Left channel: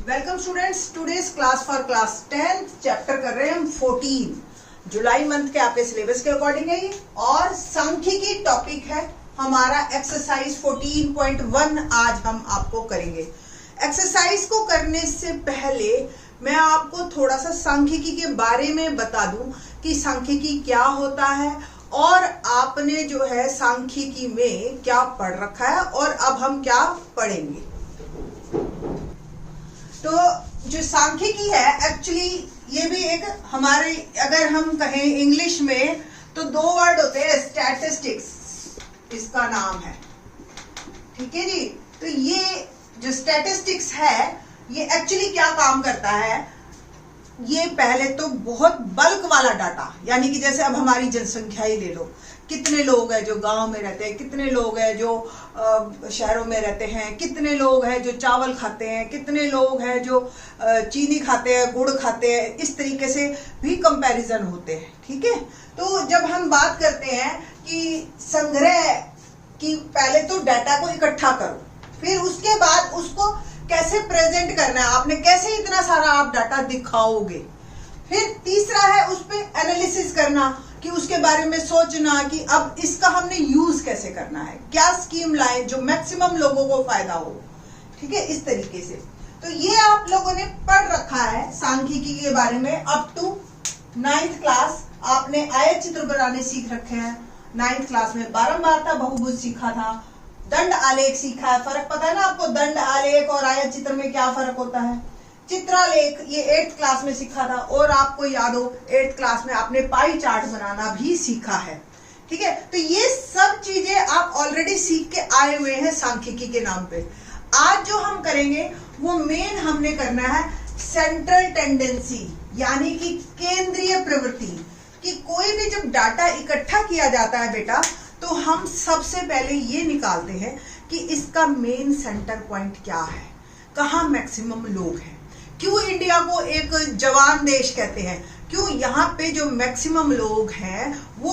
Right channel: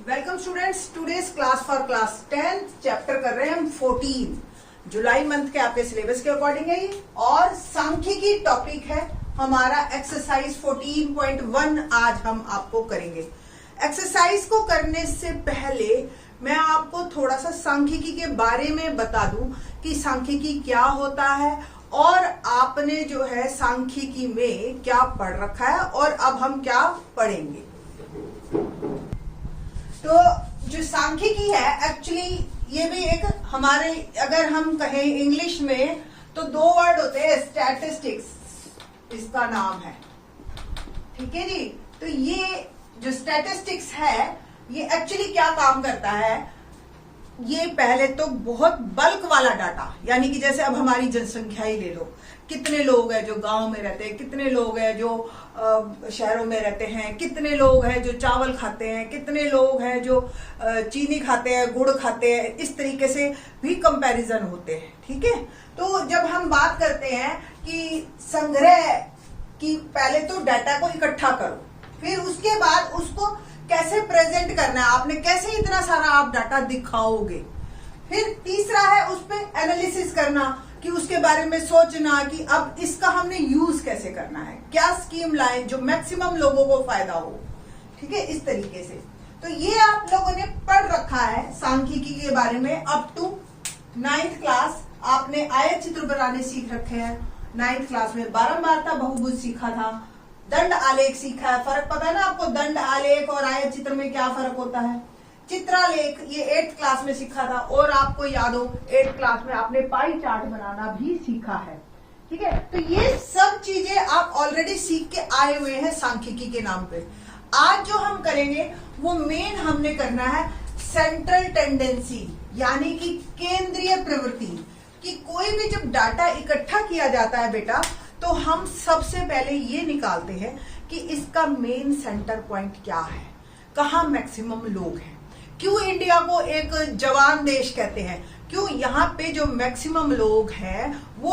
Welcome students, today's class for class 10 chapter कर रहे हैं हम 14 जुलाई मंथ के आपके सिलेबस के अकॉर्डिंग है ये। और सांख्यिकी टॉपिक है हमारा एक्सरसाइज 14.1 आज हम आपको करेंगे। एक्सरसाइज को करने से पहले मैं आपको थोड़ा सा सांख्यिकी के बारे में बता दूं कि सांख्यिकी क्या होता है और आपने जो है सांख्यिकी में क्या पढ़ रखा है और अब हम क्या पढ़ेंगे। तो जो सांख्यिकी है एक्चुअली ये भी एक हमारे, अगर हम कहें इंग्लिश में तो दो वर्ड होते हैं, स्टैटिस्टिक्स इसका नाम है, ठीक है जी। तो ये जो स्टैटिस्टिक्स है ये एक्चुअली क्या काम करता है, ये पहले तो बहुत बल्क वाला डाटा, यानी कि जैसे अब हमारी जनसंख्या ही ले लो, कितने लोग हैं जो गांव में रहते हैं, कितने लोग हैं जो शहरों में रहते हैं, कितने लोग हैं जो चावल खाते हैं, कितने लोग हैं जो चीनी खाते हैं, गुड़ खाते हैं, इस तरीके से भी कंपैरिजन होते हैं, ठीक है। तो जब हम बात करते हैं कि संग्रह की, पहले तो डाटा को इकट्ठा करो, फिर उसके बाद उसको कैसे प्रेजेंट करना है, आपने कैसे इतना सारा आप डाटा दिखाओगे। फिर तीसरा है उस पर एनालिसिस करना, कि उसके बारे में सोचना कि अब इसका हमने यूज कैसे करना है, क्या स्कीम लाएं जो मैक्सिमम लोगों को फायदा हो, ठीक है, इस तरीके से। तो ये आप लोगों ने पढ़ रखा है सांख्यिकी के बारे में अप टू 9th क्लास। आपने आयत चित्र बनाने सीख रखे हैं 9th क्लास में, बारंबारता बहुभुज सीखा था, दंड आलेख सीखा है। फर्क पता है ना आपको, दंड आलेख और आयत चित्र में क्या फर्क होता है। चित्रालेख ये 8th क्लास में सीखा था, और आपको याद हो 8th क्लास में आपने पाई चार्ट बनाना भी सीखा है, ठीक है। तो ये सब चीजें आप ऑलरेडी सीख के आए हुए हैं सांख्यिकी के नाम पे। आज जो हम करेंगे वो मेन हमने करना है सेंट्रल टेंडेंसी, यानी कि केंद्रीय प्रवृत्ति। कि कोई भी जब डाटा इकट्ठा किया जाता है बेटा, तो हम सबसे पहले ये निकालते हैं कि इसका मेन सेंटर पॉइंट क्या है, कहाँ मैक्सिमम लोग हैं। क्यों इंडिया को एक जवान देश कहते हैं, क्यों यहाँ पे जो मैक्सिमम लोग हैं वो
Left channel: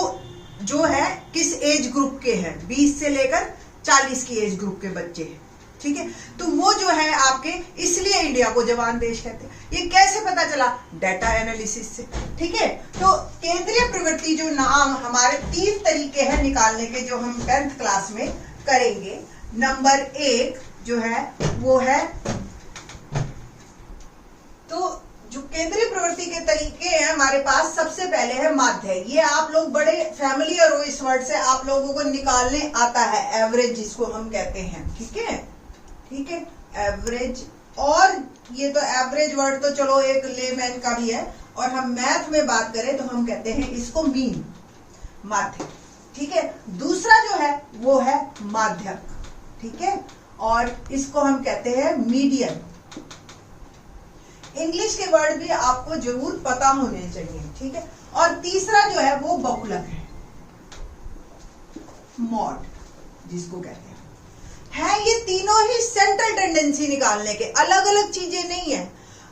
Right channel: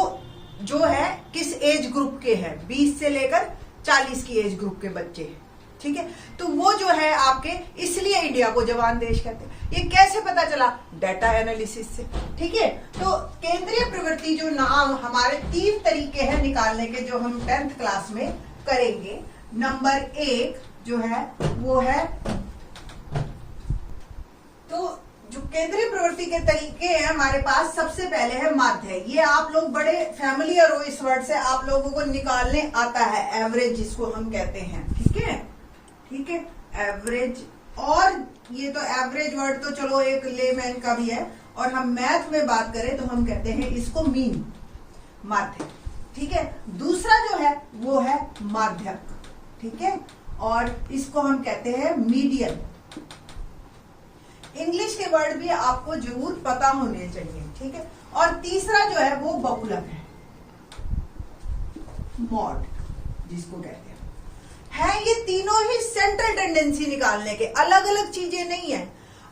जो है किस एज ग्रुप के हैं, 20 से लेकर 40 की एज ग्रुप के बच्चे हैं, ठीक है। तो वो जो है आपके, इसलिए इंडिया को जवान देश कहते हैं। ये कैसे पता चला, डाटा एनालिसिस से, ठीक है। तो केंद्रीय प्रवृत्ति जो नाम, हमारे 3 तरीके हैं निकालने के जो हम 10th क्लास में करेंगे। नंबर 1 जो है वो है, तो जो केंद्रीय प्रवृत्ति के तरीके हैं हमारे पास, सबसे पहले है माध्य। ये आप लोग बड़े फैमिलियर हो इस वर्ड से, आप लोगों को निकालने आता है, एवरेज जिसको हम कहते हैं, ठीक है, ठीक है, एवरेज। और ये तो एवरेज वर्ड तो चलो एक लेमैन का भी है, और हम मैथ में बात करें तो हम कहते हैं इसको मीन, माध्य, ठीक है। दूसरा जो है वो है माध्यक, ठीक है, और इसको हम कहते हैं मीडियन। इंग्लिश के वर्ड भी आपको जरूर पता होने चाहिए, ठीक है। और तीसरा जो है वो बहुलक है, मॉड जिसको कहते हैं। ये तीनों ही सेंट्रल टेंडेंसी निकालने के, अलग अलग चीजें नहीं है।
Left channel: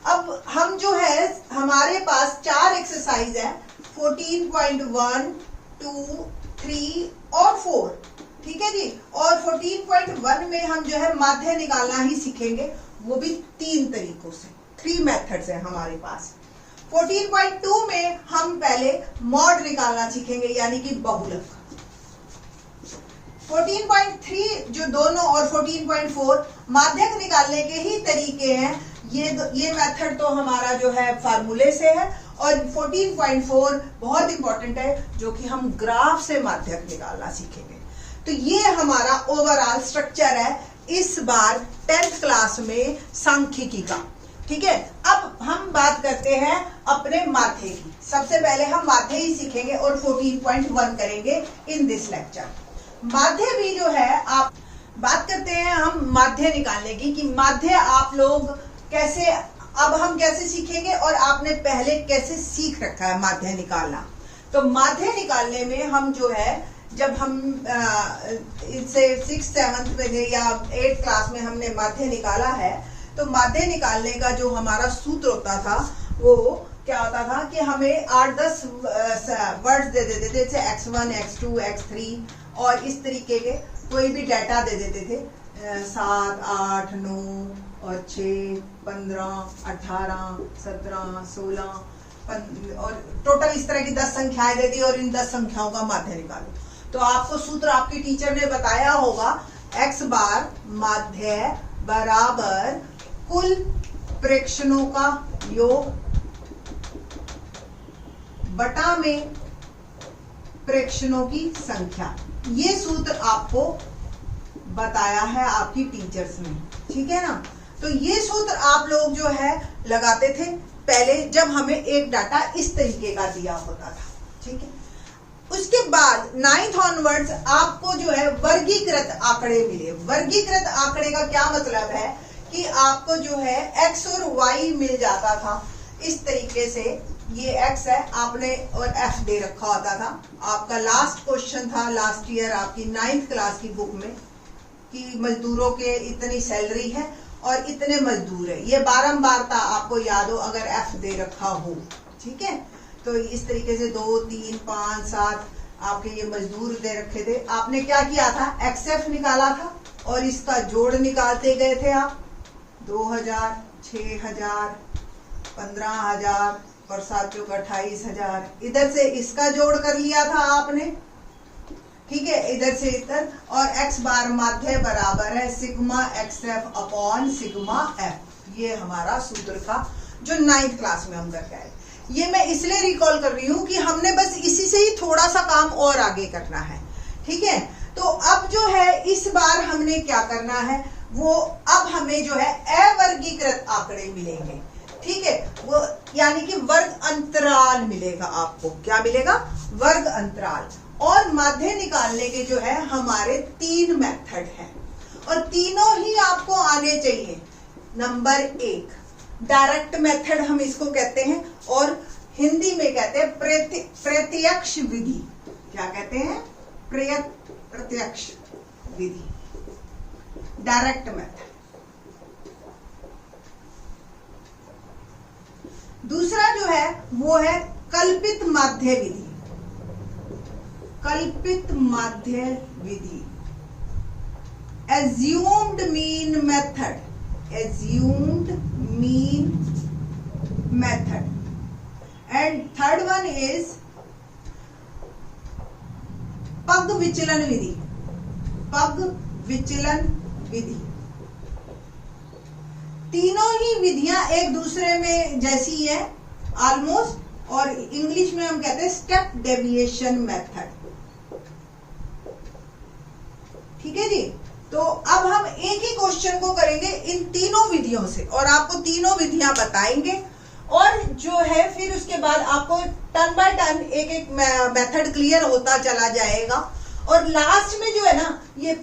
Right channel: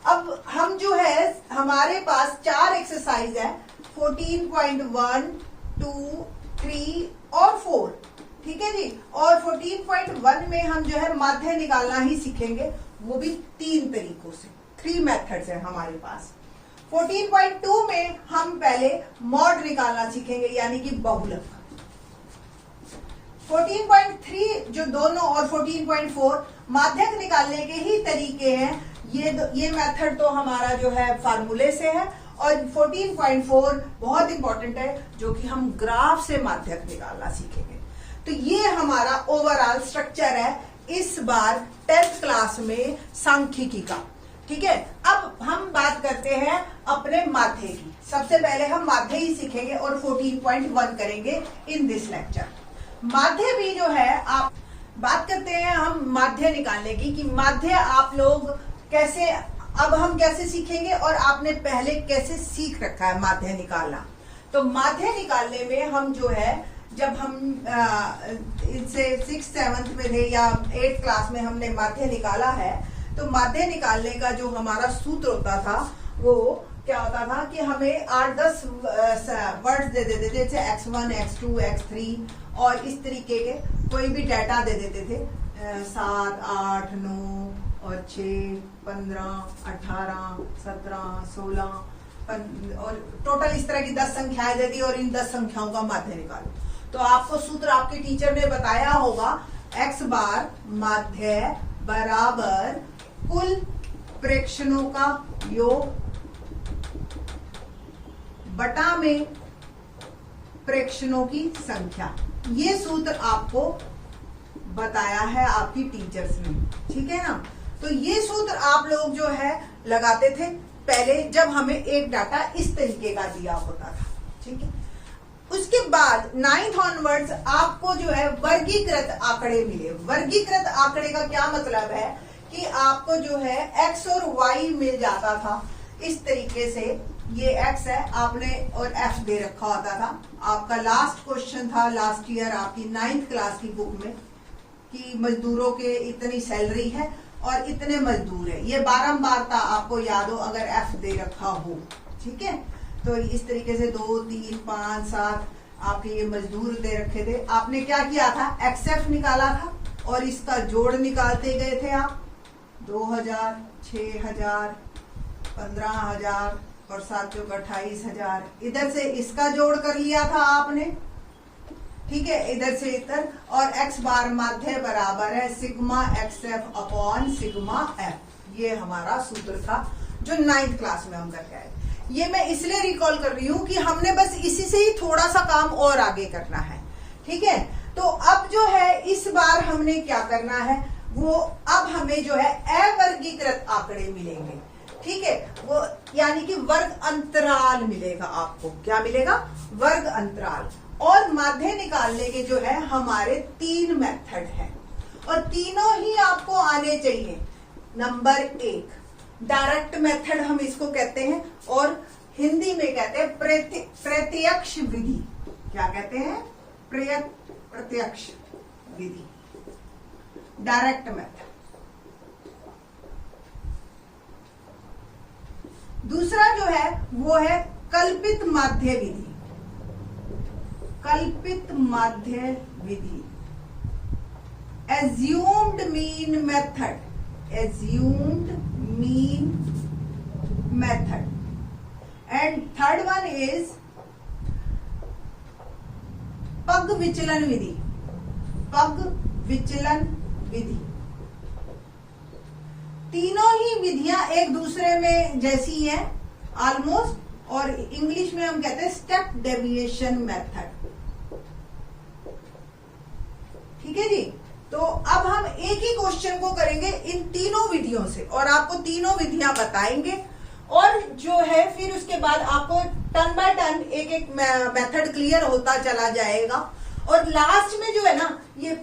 अब हम जो है हमारे पास 4 एक्सरसाइज है, 14.1, 2, 3 और 4, ठीक है जी। और 14.1 में हम जो है माध्य निकालना ही सीखेंगे, वो भी 3 तरीकों से, 3 मेथड्स है हमारे पास। 14.2 में हम पहले मॉड निकालना सीखेंगे, यानी कि बहुलक। 14.3 जो दोनों, और 14.4 माध्यक निकालने के ही तरीके हैं। ये मेथड तो हमारा जो है फार्मूले से है, और 14.4 बहुत इंपॉर्टेंट है, जो कि हम ग्राफ से माध्यक निकालना सीखेंगे। तो ये हमारा ओवरऑल स्ट्रक्चर है इस बार 10th क्लास में सांख्यिकी का, ठीक है। अब हम बात करते हैं अपने माध्य की। सबसे पहले हम माध्य ही सीखेंगे और 14.1 करेंगे इन दिस लेक्चर। माध्य भी जो है, आप बात करते हैं हम माध्य निकालने की, कि माध्य आप लोग कैसे, अब हम कैसे सीखेंगे और आपने पहले कैसे सीख रखा है माध्य निकालना। तो माध्य निकालने में हम जो है, जब हम इसे 6th 7th में थे या 8th क्लास में हमने माध्य निकाला है, तो माध्य निकालने का जो हमारा सूत्र होता था वो क्या होता था कि हमें 8-10 वर्ड्स दे देते थे, जैसे x1, x2, x3, और इस तरीके के कोई भी डाटा दे देते थे, 7, 8, 9 और 6, 15, 18, 17, 16 और टोटल इस तरह की 10 संख्याएं देती है और इन 10 संख्याओं का माध्य निकालो। तो आपको सूत्र आपके टीचर ने बताया होगा, x बार माध्य बराबर कुल प्रेक्षणों का योग बटा में प्रेक्षणों की संख्या। ये सूत्र आपको बताया है आपकी टीचर्स ने, ठीक है ना। तो ये सूत्र आप लोग जो है लगाते थे पहले जब हमें एक डाटा इस तरीके का दिया होता था, ठीक है। उसके बाद 9th ऑनवर्ड्स आपको जो है वर्गीकृत आंकड़े मिले। वर्गीकृत आंकड़े का क्या मतलब है कि आपको जो है x और y मिल जाता था इस तरीके से। ये x है आपने और f दे रखा होता था। आपका लास्ट क्वेश्चन था लास्ट ईयर आपकी 9th क्लास की बुक में कि मजदूरों के इतनी सैलरी है और इतने मजदूर है। ये बारंबार था, आपको याद हो अगर f दे रखा हो, ठीक है। तो इस तरीके से 2, 3, 5, 7 आपके ये मजदूर दे रखे थे। आपने क्या किया था, XF निकाला था और इसका जोड़ निकालते गए थे आप। 2000, 6000, 15000 और 7 चौक 28,000। इधर से इसका जोड़ कर लिया था आपने, ठीक है, इधर से इधर। और x बार माध्य बराबर है sigma XF upon sigma F। ये हमारा सूत्र था जो 9th क्लास में हम करके आए। ये मैं इसलिए रिकॉल कर रही हूं कि हमने बस इसी से ही थोड़ा सा काम और आगे करना है, ठीक है। तो अब जो है इस बार हमने क्या करना है, वो अब हमें जो है अवर्गीकृत आंकड़े मिलेंगे, ठीक है। वो यानी कि वर्ग अंतराल मिलेगा आपको। क्या मिलेगा, वर्ग अंतराल। और माध्य निकालने के जो है हमारे 3 मेथड हैं और तीनों ही आपको आने चाहिए। नंबर 1 डायरेक्ट मेथड हम इसको कहते हैं और हिंदी में कहते हैं प्रत्यक्ष विधि। क्या कहते हैं, प्रत्यक्ष विधि, डायरेक्ट मेथड। दूसरा जो है वो है कल्पित माध्य विधि। कल्पित माध्य विधि, assumed mean method, assumed mean method, and third one is पग विचलन विधि। पग विचलन विधि। तीनों ही विधियां एक दूसरे में जैसी हैं ऑलमोस्ट, और इंग्लिश में हम कहते हैं स्टेप डेविएशन मेथड, ठीक है जी। तो अब हम एक ही क्वेश्चन को करेंगे इन तीनों विधियों से और आपको तीनों विधियां बताएंगे और जो है फिर उसके बाद आपको टर्न बाय टर्न एक एक मेथड क्लियर होता चला जाएगा। और लास्ट में जो है ना ये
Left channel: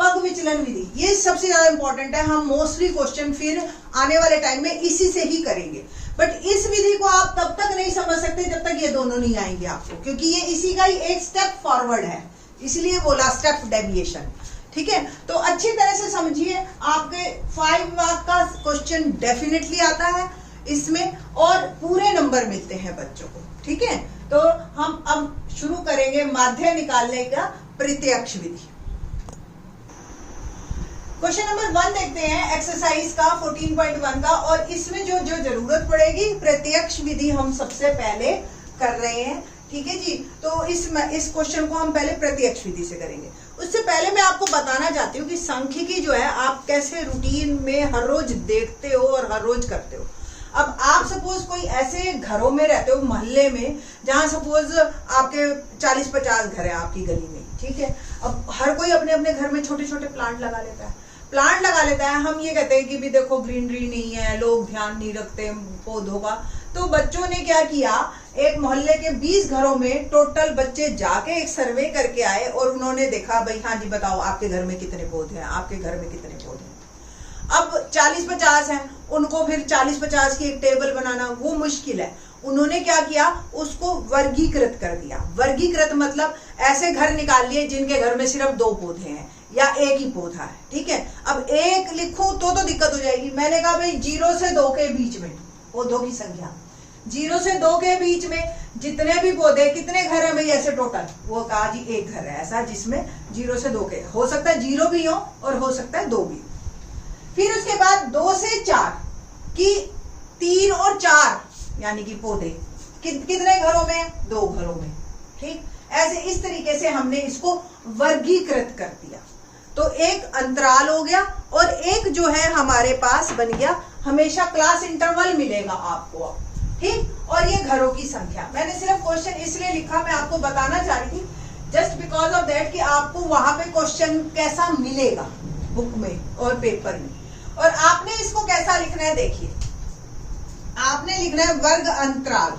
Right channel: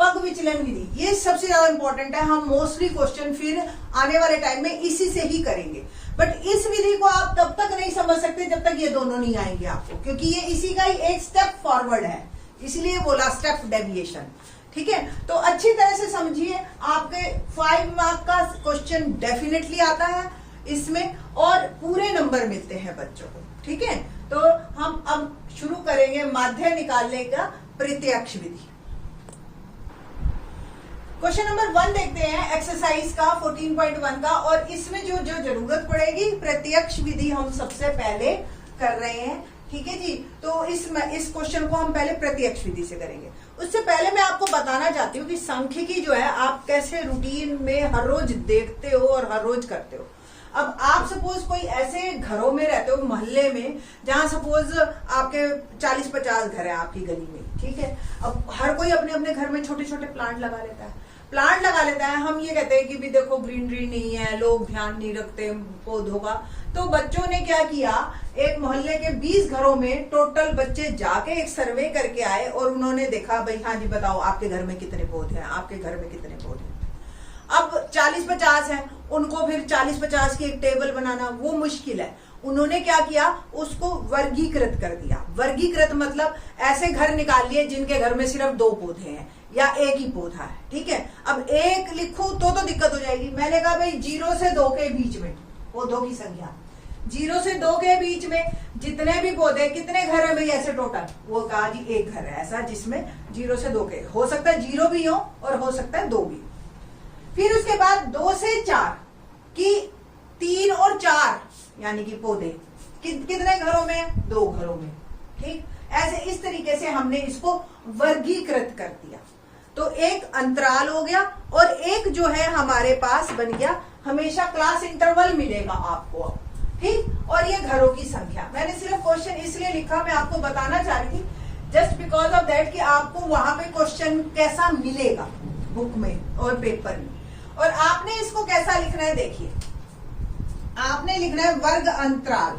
पग विचलन विधि, ये सबसे ज्यादा इंपॉर्टेंट है। हम मोस्टली क्वेश्चन फिर आने वाले टाइम में इसी से ही करेंगे, बट इस विधि को आप तब तक नहीं समझ सकते जब तक ये दोनों नहीं आएंगे आपको, क्योंकि ये इसी का ही एक स्टेप फॉरवर्ड है, इसलिए बोला स्टेप डेविएशन, ठीक है। तो अच्छी तरह से समझिए, आपके 5 मार्क का क्वेश्चन डेफिनेटली आता है इसमें और पूरे नंबर मिलते हैं बच्चों को, ठीक है। तो हम अब शुरू करेंगे माध्य निकालने का प्रत्यक्ष विधि। क्वेश्चन नंबर 1 देखते हैं एक्सरसाइज का 14.1 का, और इसमें जो जरूरत पड़ेगी प्रत्यक्ष विधि हम सबसे पहले कर रहे हैं, ठीक है जी। तो इस क्वेश्चन को हम पहले प्रत्यक्ष विधि से करेंगे। उससे पहले मैं आपको बताना चाहती हूँ कि सांख्यिकी जो है आप कैसे रूटीन में हर रोज देखते हो और हर रोज करते हो। अब आप सपोज कोई ऐसे घरों में रहते हो मोहल्ले में जहां सपोज आपके 40-50 घर है आपकी गली में, ठीक है। अब हर कोई अपने अपने घर में छोटे छोटे प्लांट लगा लेता है, प्लांट लगा लेता है। हम ये कहते हैं कि भी देखो ग्रीनरी नहीं है, लोग ध्यान नहीं रखते पौधों का। तो बच्चों ने क्या किया, एक मोहल्ले के 20 घरों में टोटल बच्चे जाके एक सर्वे करके आए और उन्होंने देखा भाई हाँ जी बताओ आपके घर में कितने पौधे हैं, आपके घर में कितने पौधे हैं। अब 40-50 हैं, उनको फिर 40-50 की एक टेबल बनाना वो मुश्किल है। उन्होंने क्या किया, उसको वर्गीकृत कर दिया। वर्गीकृत मतलब ऐसे घर निकाल लिए जिनके घर में सिर्फ 2 पौधे हैं या एक ही पौधा है, ठीक है। अब एक लिखूं तो दिक्कत हो जाएगी। मैंने कहा भाई 0 से 2 के बीच में पौधों की संख्या, 0 से 2 के बीच में जितने भी पौधे, कितने घर है भाई ऐसे टोटल, वो कहा जी एक घर है ऐसा जिसमें 0 से 2 के, हो सकता है 0 भी हो और हो सकता है 2 भी। फिर उसके बाद 2 से 4 कि 3 और 4 यानी कि पौधे कितने घरों में? 2 घरों में। ठीक, ऐसे इस तरीके से हमने इसको वर्गीकृत कर दिया। तो एक अंतराल हो गया और एक जो है हमारे पास बन गया, हमेशा क्लास इंटरवल मिलेगा आपको। ठीक, और ये घरों की संख्या। मैंने सिर्फ क्वेश्चन इसलिए लिखा, मैं आपको बताना चाह रही थी जस्ट बिकॉज ऑफ दैट कि आपको वहां पे क्वेश्चन कैसा मिलेगा बुक में और पेपर में, और आपने इसको कैसा लिखना है। देखिए, आपने लिखना है वर्ग अंतराल।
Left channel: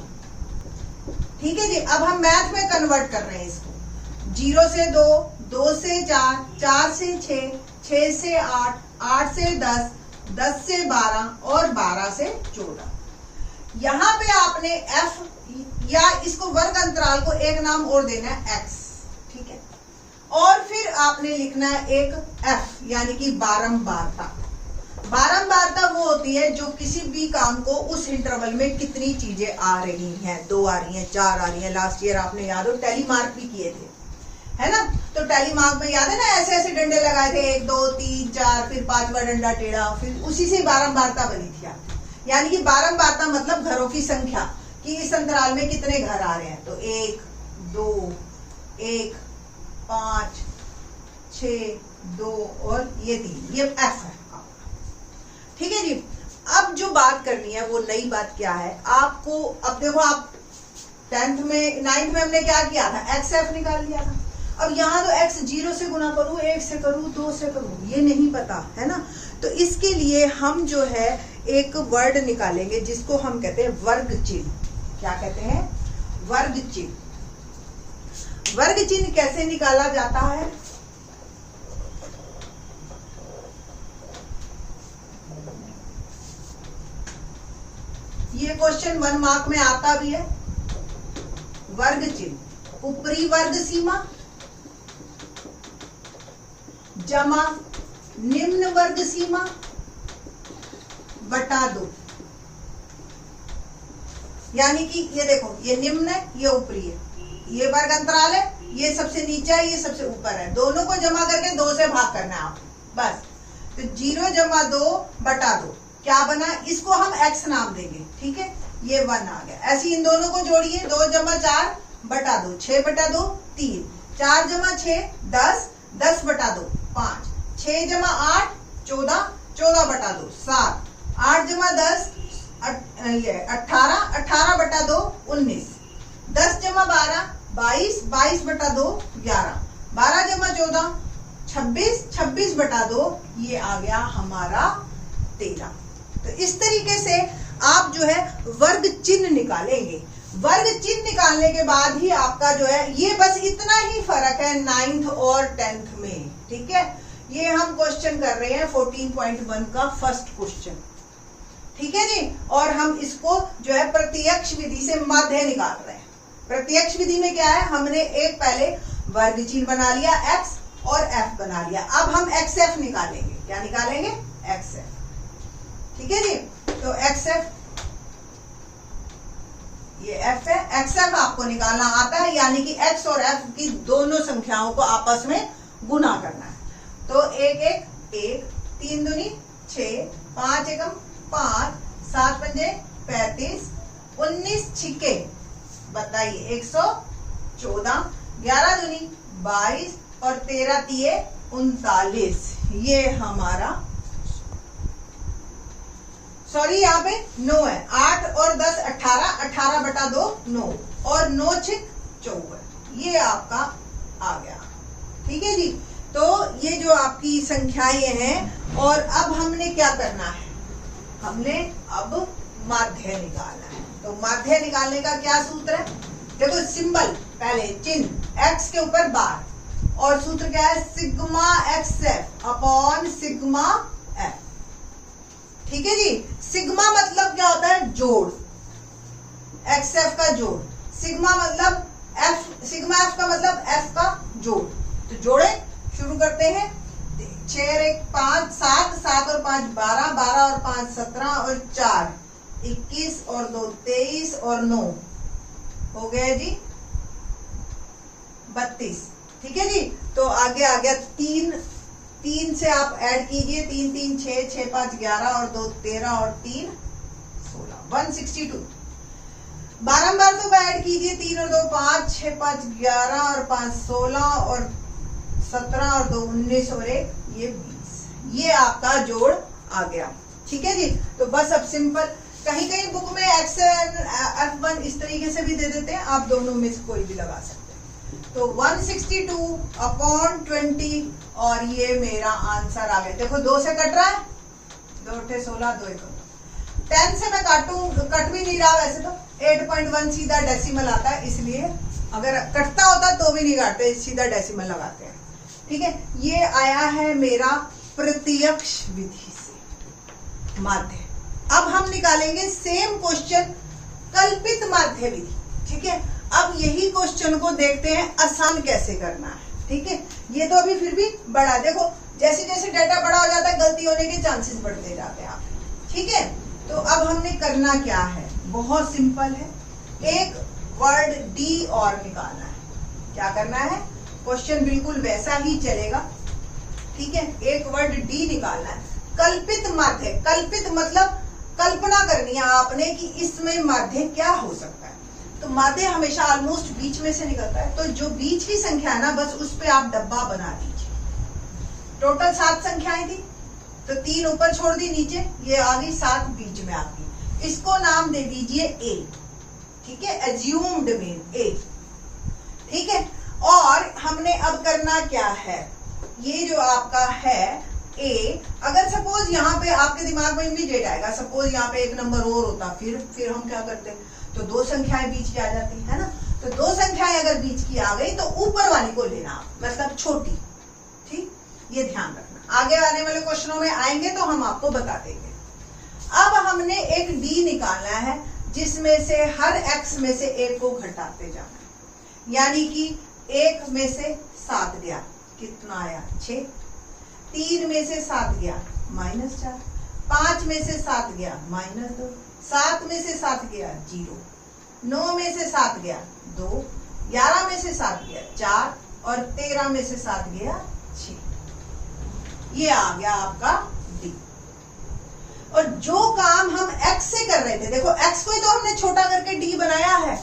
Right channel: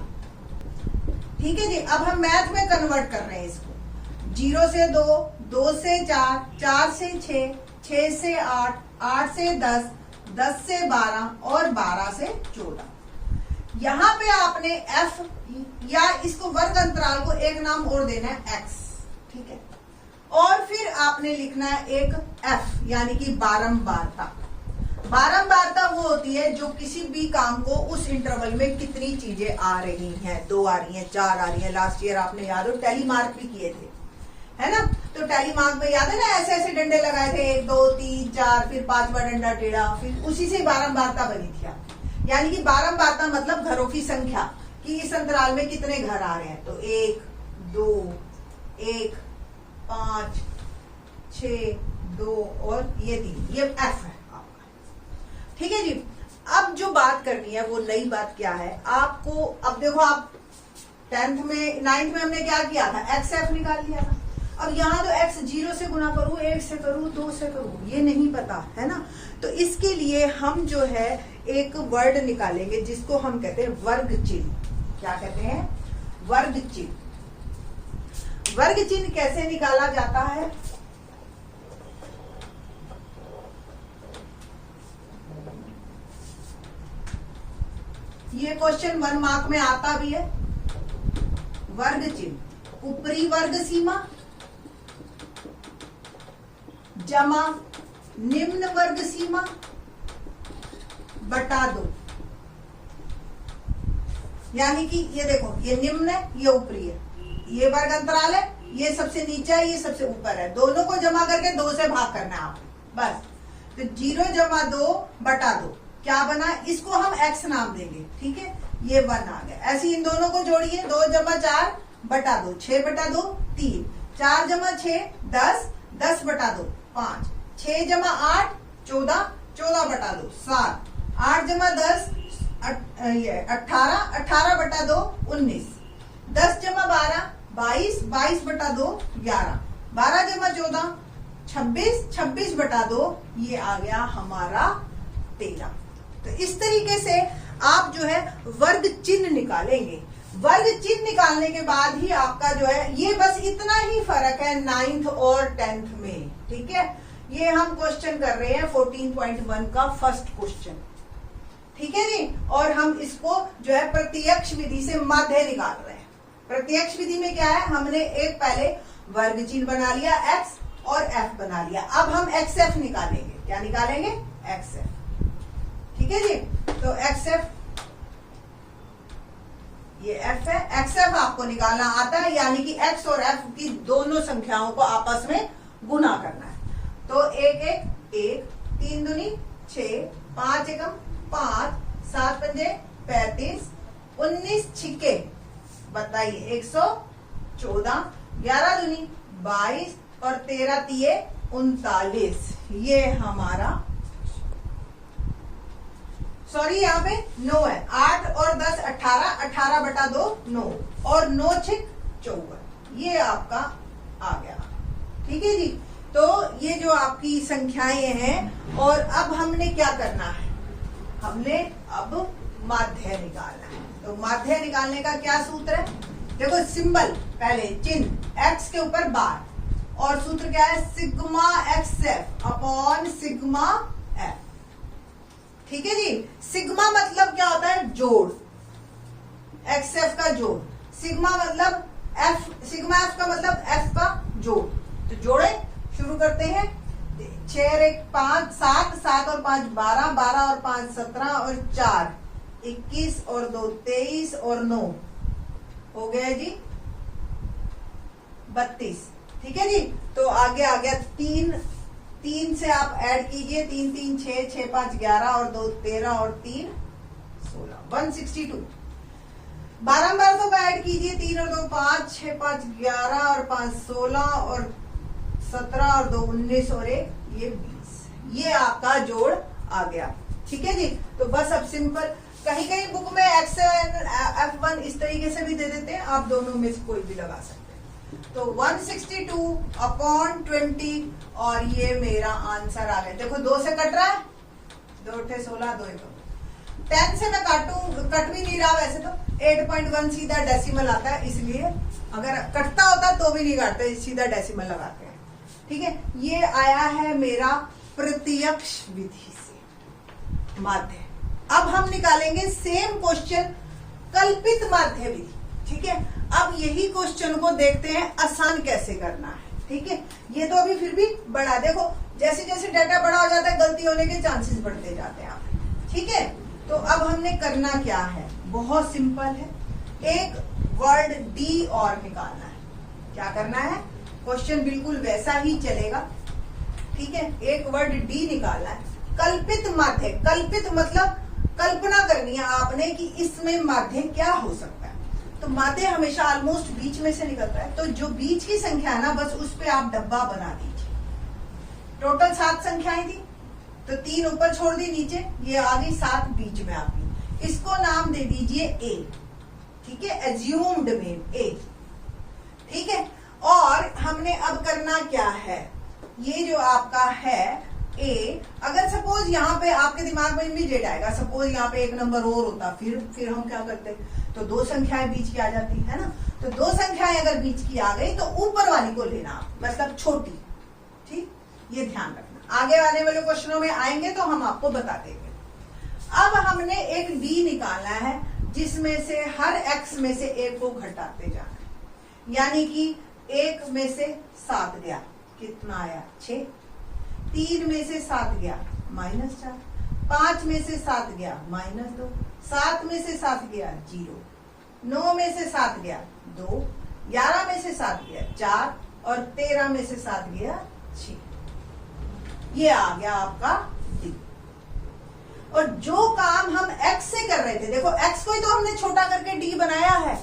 ठीक है जी। अब हम मैथ में कन्वर्ट कर रहे हैं इसको। 0 से 2, 2 से 4, 4 से 6, 6 से 8, 8 से 10, 10 से 12 और 12 से 14। यहां पे आपने f या इसको वर्ग अंतराल को एक नाम और देना है x। ठीक है, और फिर आपने लिखना है एक f यानी कि बारंबारता। बारंबारता वो होती है जो किसी भी काम को उस इंटरवल में कितनी चीजें आ रही हैं, 2 आ रही हैं, 4 आ रही हैं। लास्ट ईयर आपने याद हो टैली मार्क भी किए थे, है ना। तो टैली मार्क में याद है ना, ऐसे ऐसे डंडे लगाए थे, 1 2 3 4, फिर 5वां डंडा टेढ़ा, फिर उसी से बारंबारता बनी थी आपकी। यानी कि बारंबारता मतलब घरों की संख्या कि इस अंतराल में कितने घर आ रहे हैं। तो 1 2 1 5 6 2 और ये 3, ये f है। ठीक है जी। अब जो बात करनी है वो नई बात क्या है आपको। अब देखो, आप 9th में हमने क्या किया था, एक्स एफ निकाल लिया था। अब यहाँ तो एक्स 0 से गुना करूँ, 1 से करूँ, 2 से करूँ, ये नहीं पता है ना। तो इसके लिए हम जो है एक वर्ड निकालेंगे जिसको हम कहते हैं वर्ग चिन्ह। क्या कहते हैं? वर्ग चिन्ह। वर्ग चिन्ह कैसे निकाला जाता है? ये क्वेश्चन 1 मार्क में आता भी है। वर्ग चिन्ह, ऊपरी वर्ग सीमा जमा निम्न वर्ग सीमा बटा 2। यानी कि ये देखो, ये निम्न है, ये ऊपरी है, ये वर्ग अंतराल है, ये सबसे नीचे है, ये सबसे ऊपर है। दोनों को जमा करके 2 से भाग करना है आपको, बस। तो 0 जमा 2 बटा 2 क्या बना? इसको हम x नाम देंगे। ठीक है, ये 1 आ गया। ऐसे इन दोनों को जोड़िए, 2 जमा 4 बटा 2, 6 बटा 2 3, 4 जमा 6 10, 10 बटा 2 5, 6 जमा 8 14, 14 बटा 2 7, 8 जमा 10 18, 18 बटा 2 19, 10 जमा 12 22, 22 बटा 2 11, 12 जमा 14 26, 26 बटा 2 ये आ गया हमारा 13। तो इस तरीके से आप जो है वर्ग चिन्ह निकालेंगे। वर्ग चिन्ह निकालने के बाद ही आपका जो है, ये बस इतना ही फर्क है 9th और 10th में। ठीक है, ये हम क्वेश्चन कर रहे हैं 14.1 का फर्स्ट क्वेश्चन। ठीक है जी। और हम इसको जो है प्रत्यक्ष विधि से माध्य निकाल रहे हैं। प्रत्यक्ष विधि में क्या है, हमने एक पहले वर्ग चिन्ह बना लिया x और f बना लिया। अब हम xf निकालेंगे। क्या निकालेंगे? xf। ठीक है जी। तो xf, ये f है, xf आपको निकालना आता है, यानी कि x और f की दोनों संख्याओं को आपस में गुना करना है। तो 1 1 1, 3 दूनी 6, 5 एकम 5, 7 पंजे 35, 19 छिक्के बताइए 114, 11 दूनी 22 और 13 तिये 39। ये हमारा, सॉरी यहाँ पे 9 है। 8 और 10 18, 18 बटा 2 9 और 9 6 54, ये आपका आ गया। ठीक है जी। तो ये जो आपकी संख्याएं हैं, और अब हमने क्या करना है, हमने अब माध्य निकालना है। तो माध्य निकालने का क्या सूत्र है? देखो, सिंबल पहले चिन्ह x के ऊपर बार, और सूत्र क्या है? Sigma xf upon sigma f। ठीक है जी। सिग्मा मतलब क्या होता है? जोड़, xf का जोड़। सिग्मा मतलब f, सिग्मा f का मतलब f का जोड़। तो जोड़े शुरू करते हैं। 6 और 1 5 7, 7 और 5 12, 12 और 5 17 और 4 21 और 2 23 और 9 हो गया जी 32। ठीक है जी। तो आगे आ गया 3 3 से आप ऐड कीजिए, 3 3 6, 6 5 11 और 2 13 और 3 16, 162। 12 12 को ऐड कीजिए, 3 और 2 5, 6 5 11 और 5 16 और 17 और 2 19 और 1 ये 20। ये आपका जोड़ आ गया। ठीक है जी। तो बस अब सिंपल, कहीं कहीं बुक में X1 F1 इस तरीके से भी दे देते हैं, आप दोनों में से कोई भी लगा सकते हैं। तो 162/20 और ये मेरा आंसर आ गया। देखो 2 से कट रहा है, 2 8 16, 2 1 10 से मैं कट भी नहीं रहा वैसे तो। 8.1 सीधा डेसिमल आता है, इसलिए अगर कटता होता तो भी नहीं काटते, सीधा डेसिमल लगाते हैं। ठीक है, ये आया है मेरा प्रत्यक्ष विधि से माध्य। अब हम निकालेंगे सेम क्वेश्चन कल्पित माध्य विधि। ठीक है, अब यही क्वेश्चन को देखते हैं आसान कैसे करना है। ठीक है, ये तो अभी फिर भी बड़ा, देखो जैसे जैसे डाटा बड़ा हो जाता है गलती होने के चांसेस बढ़ते जाते हैं आप। ठीक है, तो अब हमने करना क्या है, बहुत सिंपल है, एक वर्ड डी और निकालना है। क्या करना है, क्वेश्चन बिल्कुल वैसा ही चलेगा। ठीक है, एक वर्ड डी निकालना है। कल्पित माध्य, कल्पित मतलब कल्पना करनी है आपने कि इसमें माध्य क्या हो सकता है। तो माध्य हमेशा ऑलमोस्ट बीच में से निकलता है, तो जो बीच की संख्या है ना बस उस पे आप डब्बा बना दीजिए। टोटल 7 संख्याएं थी, तो 3 ऊपर छोड़ दी नीचे, ये आ गई 7 बीच में आपकी। इसको नाम दे दीजिए ए। ठीक है, एज्यूम्ड में ए। ठीक है, और हमने अब करना क्या है, ये जो आपका है ए, अगर सपोज यहाँ पे आपके दिमाग में इमीडिएट आएगा, सपोज यहाँ पे एक नंबर और होता, फिर हम क्या करते, तो 2 संख्याएं बीच की आ जाती है ना। तो 2 संख्याएं अगर बीच की आ गई तो ऊपर वाली को लेना आप, मतलब छोटी। ठीक, ये ध्यान रखना, आगे आने वाले क्वेश्चनों में आएंगे तो हम आपको बता देंगे। अब हमने एक डी निकालना है जिसमें से हर एक्स में से एक को घटाते जाना है, यानी कि 1 में से 7 गया, कितना आया 6। 3 में से 7 गया -4, 5 में से 7 गया -2, 7 में से 7 गया 0, 9 में से 7 गया 2, 11 में से 7 गया 4 और 13 में से 7 गया 6। ये आ गया आपका डी। और जो काम हम एक्स से कर रहे थे, देखो एक्स को ही तो हमने छोटा करके डी बनाया है।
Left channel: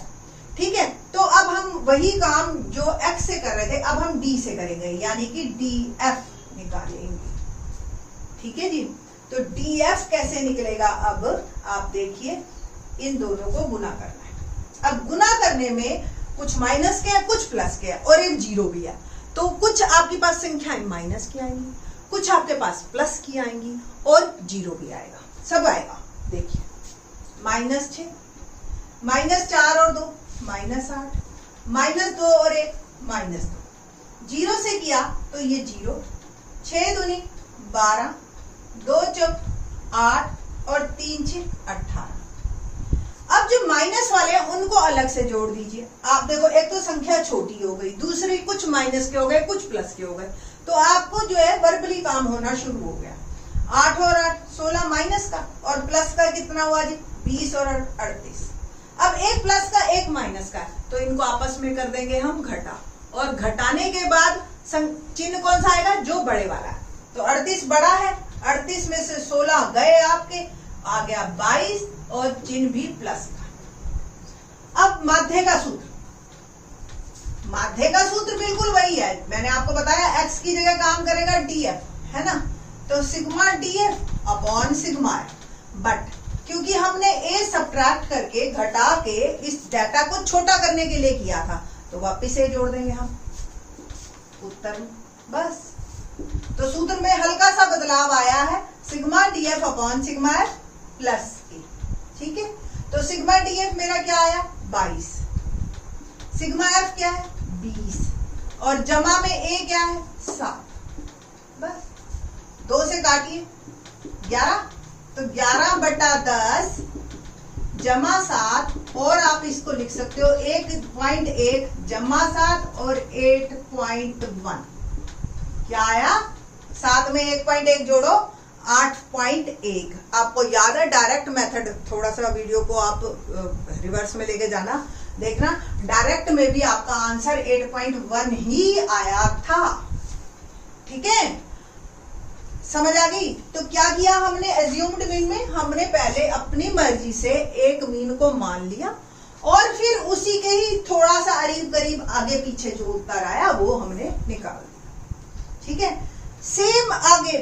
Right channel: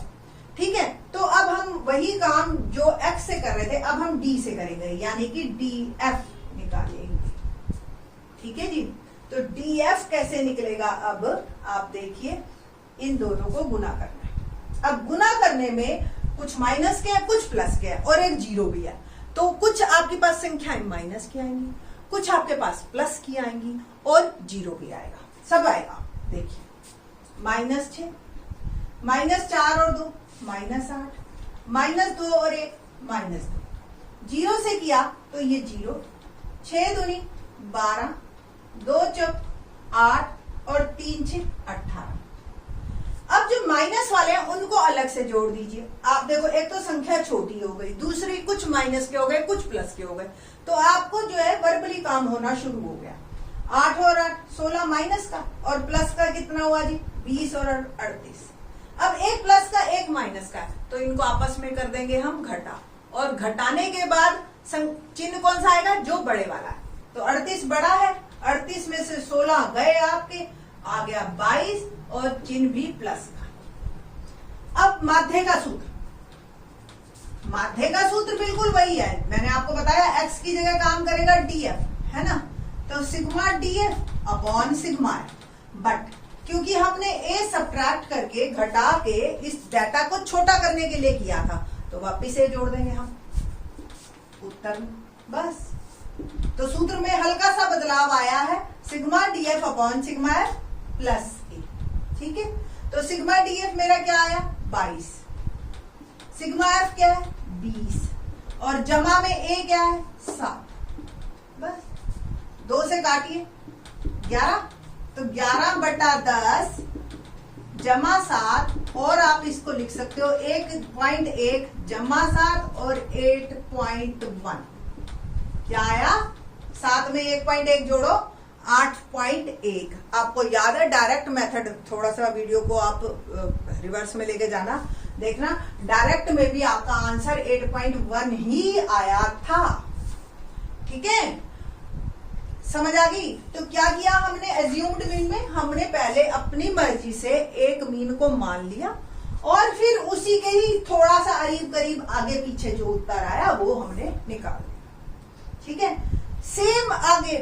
ठीक है, तो अब हम वही काम जो एक्स से कर रहे थे अब हम डी से करेंगे, यानी कि डी एफ निकालेंगे। ठीक है जी, तो डी एफ कैसे निकलेगा, अब आप देखिए, इन दोनों को गुना करना है। अब गुना करने में कुछ माइनस के है, कुछ प्लस के है और एक जीरो भी है, तो कुछ आपके पास संख्याएं माइनस की आएंगी, कुछ आपके पास प्लस की आएंगी और जीरो भी आएगा, सब आएगा। देखिए -6, -4 और 2 -8, -2 और 1 -2। जीरो से किया तो ये 0, 6 दूनी 12, 2 चौक 8 और 3 6 18। अब जो माइनस वाले हैं उनको अलग से जोड़ दीजिए। आप देखो, एक तो संख्या छोटी हो गई, दूसरी कुछ माइनस के हो गए, कुछ प्लस के हो गए, तो आपको जो है वर्बली काम होना शुरू हो गया। 8 और 8 16 माइनस का, और प्लस का कितना हुआ जी 20 और 38। अब एक प्लस का एक माइनस का, तो इनको आपस में कर देंगे हम घटा, और घटाने के बाद चिन्ह कौन सा आएगा, जो बड़े वाला है। तो 38 बड़ा है, 38 में से 16 गए आपके, आ गया 22 और चिन्ह भी प्लस का। अब माध्य का सूत्र, माध्य का सूत्र बिल्कुल वही है, मैंने आपको बताया एक्स की जगह काम करेगा डीएफ, है ना। तो sigma DF upon sigma F, but क्योंकि हमने ए सब्ट्रैक्ट करके घटा के इस डाटा को छोटा करने के लिए किया था, तो वापिस ए जोड़ देंगे हम उत्तर में, बस। तो सूत्र में हल्का सा बदलाव आया है, sigma DF upon sigma F plus A. ठीक है, तो सिग्मा डीएफ मेरा क्या आया 22, सिग्मा एफ क्या है 20 और जमा में ए क्या है 7, बस। 2 से काटिए 11, तो 11/10 जमा 7, और आप इसको लिख सकते हो 1.1 जमा 7 और 8.1। क्या आया, 7 में 1.1 जोड़ो 8.1। आपको याद है डायरेक्ट मेथड, थोड़ा सा वीडियो को आप रिवर्स में लेके जाना, देखना डायरेक्ट में भी आपका आंसर 8.1 ही आया था। ठीक है, समझ आ गई? तो क्या किया हमने एज्यूम्ड मीन में? हमने पहले अपनी मर्जी से एक मीन को मान लिया और फिर उसी के ही थोड़ा सा करीब करीब आगे पीछे जो उत्तर आया वो हमने निकाल दिया। ठीक है, सेम आगे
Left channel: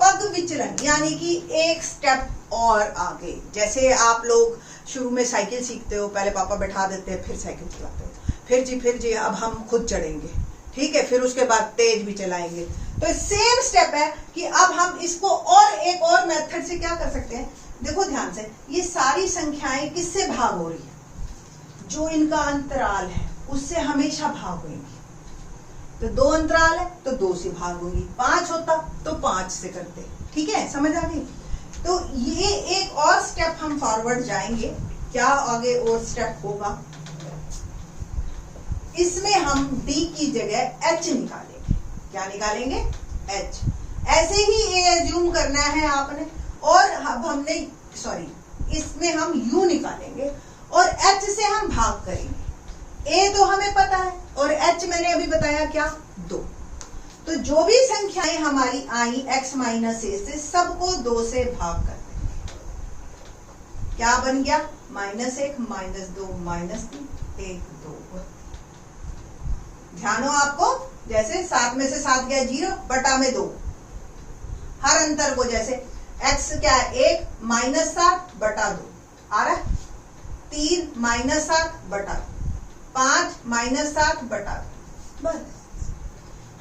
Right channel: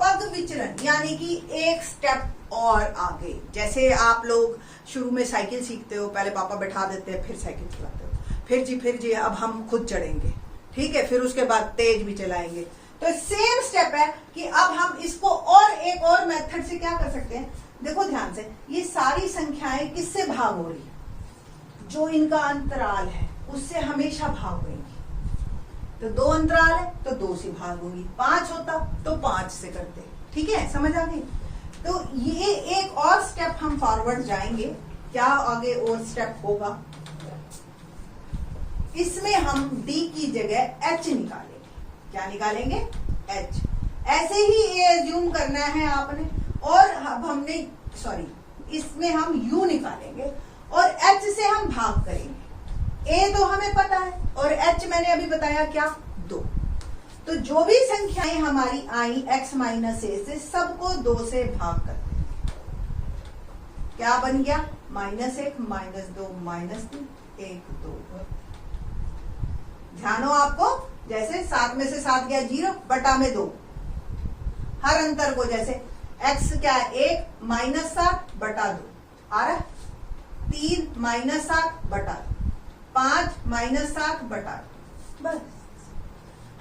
पग विचलन यानी कि एक स्टेप और आगे। जैसे आप लोग शुरू में साइकिल सीखते हो, पहले पापा बैठा देते हैं, फिर साइकिल चलाते हो, फिर जी अब हम खुद चढ़ेंगे। ठीक है, फिर उसके बाद तेज भी चलाएंगे। तो सेम स्टेप है कि अब हम इसको और एक और मेथड से क्या कर सकते हैं। देखो ध्यान से, ये सारी संख्याएं किससे भाग हो रही है? जो इनका अंतराल है उससे हमेशा भाग होगी। तो 2 अंतराल है तो 2 से भाग होगी, 5 होता तो 5 से करते। ठीक है, समझ आ गई? तो ये एक और स्टेप हम फॉरवर्ड जाएंगे। क्या आगे और स्टेप होगा? इसमें हम d की जगह h निकालेंगे। क्या निकालेंगे? h। ऐसे ही a एज्यूम करना है आपने, और अब हमने इसमें हम u निकालेंगे और h से हम भाग करेंगे। a तो हमें पता है और h मैंने अभी बताया क्या? 2। तो जो भी संख्याएं हमारी आई x माइनस a से, सबको 2 से भाग कर देंगे। क्या बन गया? -1 -2 -3 1 2। ध्यान हो आपको, जैसे 7 में से 7 गया 0 बटा में 2। हर अंतर को जैसे x क्या है? 1 -7 बटा 2 आ रहा है, 3 -7 बटा 5 -7 बटा 2। बस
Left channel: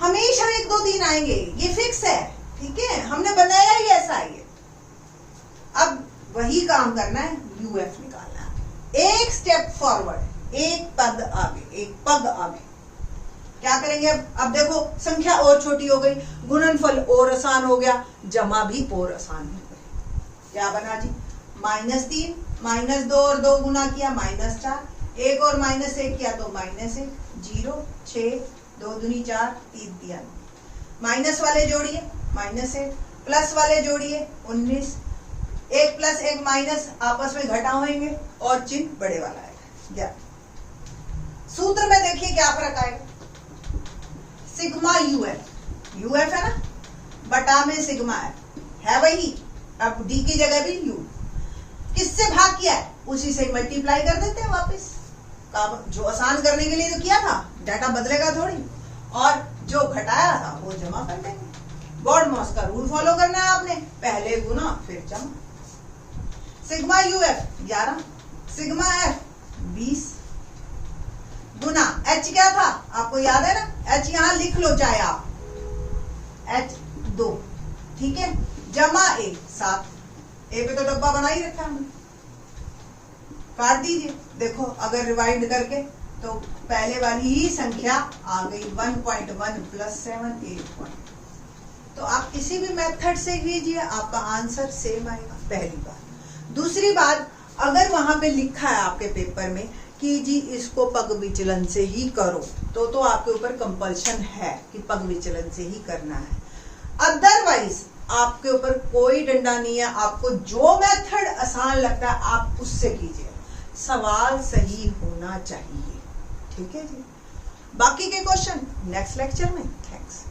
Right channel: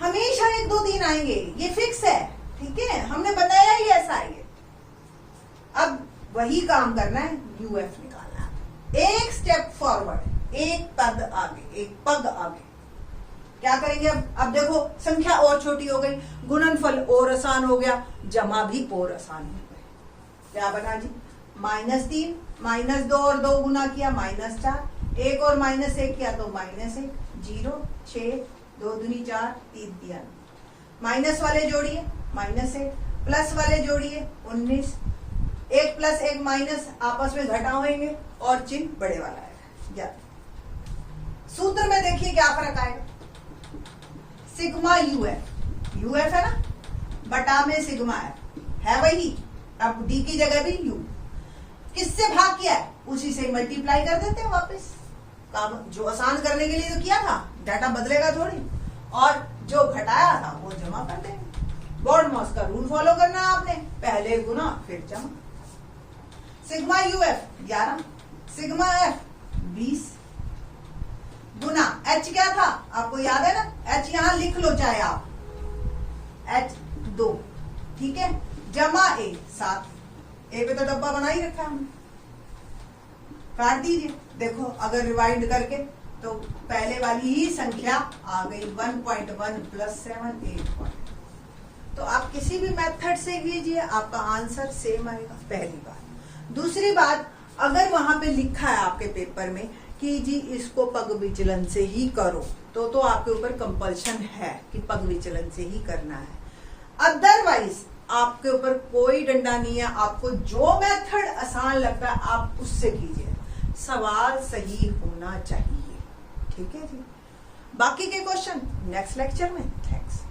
हमेशा 1 2 3 आएंगे, ये फिक्स है। ठीक है, हमने बनाया ही ऐसा है। अब वही काम करना है, यूएफ निकालना है। एक स्टेप फॉरवर्ड, एक पग आगे, एक पग आगे। क्या करेंगे? अब देखो संख्या और छोटी हो गई, गुणनफल और आसान हो गया, जमा भी और आसान हो गए। क्या बना जी? -3 -2 और 2 गुना किया -4, 1 और -1 किया तो -1, 0 6 2 दूनी 4 3 दिया। माइनस वाले जोड़िए -1, प्लस वाले जोड़िए 19, 1 + 1 माइनस आपस में घटा होंगे और चिन्ह बड़े वाला आएगा। सूत्र में देखिए क्या फर्क आएगा। सिग्मा यूएफ है ना, बटा में सिग्मा है वही। अब डी की जगह भी यू। किससे भाग किया है? उसी से मल्टीप्लाई कर देते हैं वापस। काम जो आसान करने के लिए तो किया था, डाटा बदलेगा थोड़ी, और जो घटाया था वो जमा कर देंगे। गॉड मॉस का रूल फॉलो करना है आपने, पहले गुना फिर जमा। सिग्मा यूएफ 11, सिग्मा एफ 20 गुना h क्या था आपको याद है ना? h यहां लिख लो चाहे आप, h 2। ठीक है, जमा a 7। a पे तो डब्बा बना ही रखा हमने, काट दीजिए। देखो अगर रिवाइंड करके तो पहले वाली ही संख्या आ गई 1.1 + 7 8 तो आप किसी भी मेथड से कीजिए, आपका आंसर सेम आएगा। पहली बात। दूसरी बात, अगर वहां पे लिखा है आपके पेपर में कि जी इसको पग विचलन से ही करो, तो आपके ऊपर कंपल्शन है कि पग विचलन से ही करना है। अदरवाइज आपके ऊपर कोई डंडा नहीं है, आपको जो मेथड आसान लगता है आप उससे कीजिए, सवाल सही होना चाहिए। ठीक है जी, बाकी के क्वेश्चन नेक्स्ट लेक्चर में। थैंक्स।